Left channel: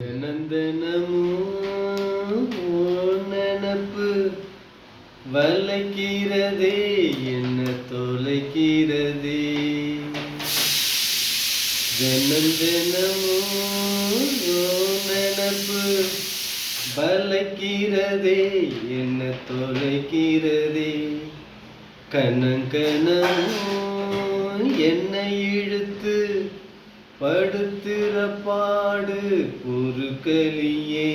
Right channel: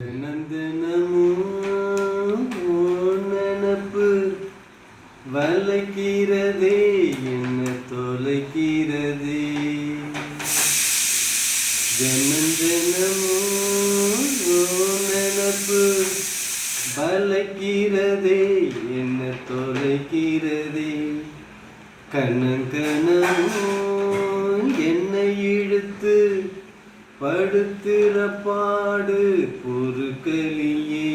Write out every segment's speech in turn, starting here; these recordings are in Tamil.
தினந்தனமும் நினப்பு வளைக்கிறதே என்ன தொலைக்கிறதே. தினந்தனமும் நினப்பு வளைக்கிறதே என்ன தொலைக்கிறதே. கணக்கணமும் என்னை இழுத்து படுத்துற பாடு பொறுக்கலியே.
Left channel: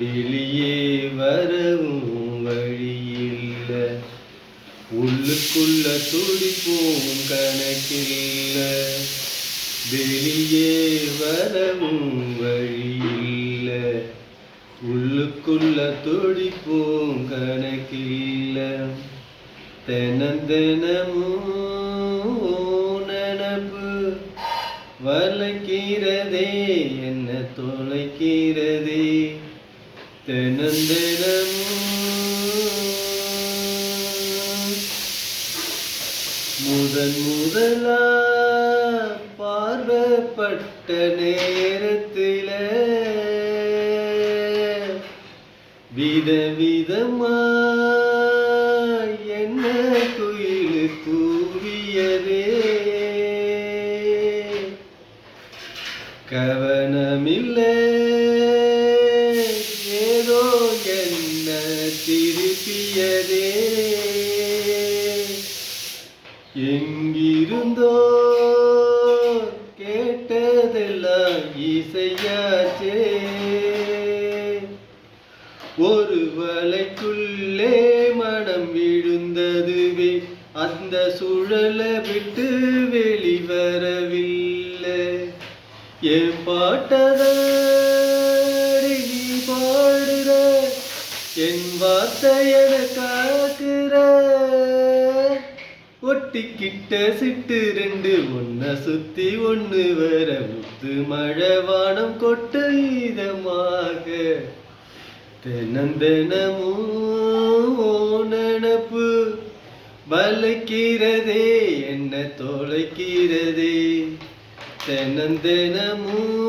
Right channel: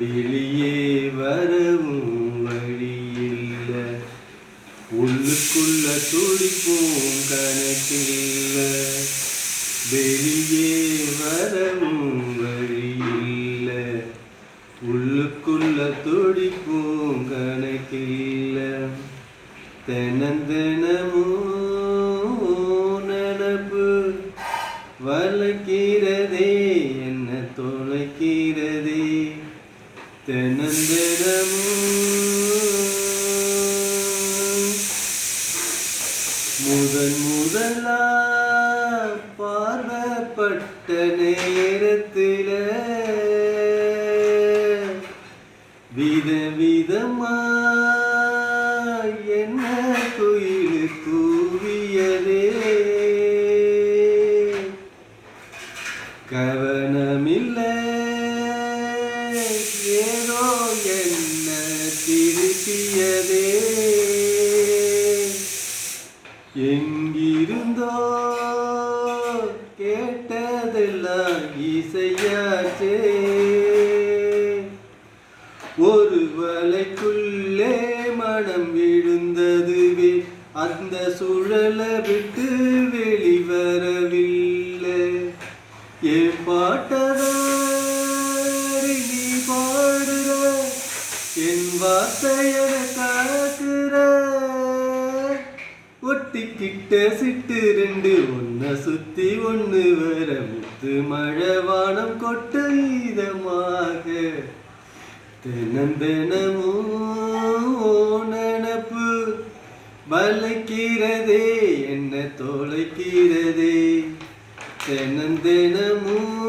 வெளியே வரவும் வழியில்ல, உள்ளுக்குள்ள துடிப்போம் கணக்கில்ல. வெளியே வரவும் வழியில்ல, உள்ளுக்குள்ள துடிப்போம் கணக்கில்ல. தினந்தனமும் நினப்பு வளைக்கிறதே என்ன தொலைக்கிறதே. தினந்தனமும் முதலா பார்வப்பட்ட நேரத்தில விதவிதமா என்ன குயில் கூவியதே. கவனமில்ல ஏதோ என்ன திருப்பியதே. எங்கிருந்தோ கேட்டதெல்லாம் இசையாச்சே. ஒரு வலைக்குள்ளே மனம் விழுந்ததுவே, அந்த சுழலை விட்டு வெளிவரவில்லை. என் பாட்டதாரி நீ பாடுற, என் வார்த்தையன காக்குற. ஒட்டிக்கிட்ட சிட்டு ரெண்டு ஒன்ன சுத்தி ஒண்ணு வர, முத்து மழை வானம் கொட்ட இதமாக. தினந்தனமும் நினப்பு வளைக்கிறதே என்ன தொலைக்கிறதே. தினந்தனமும்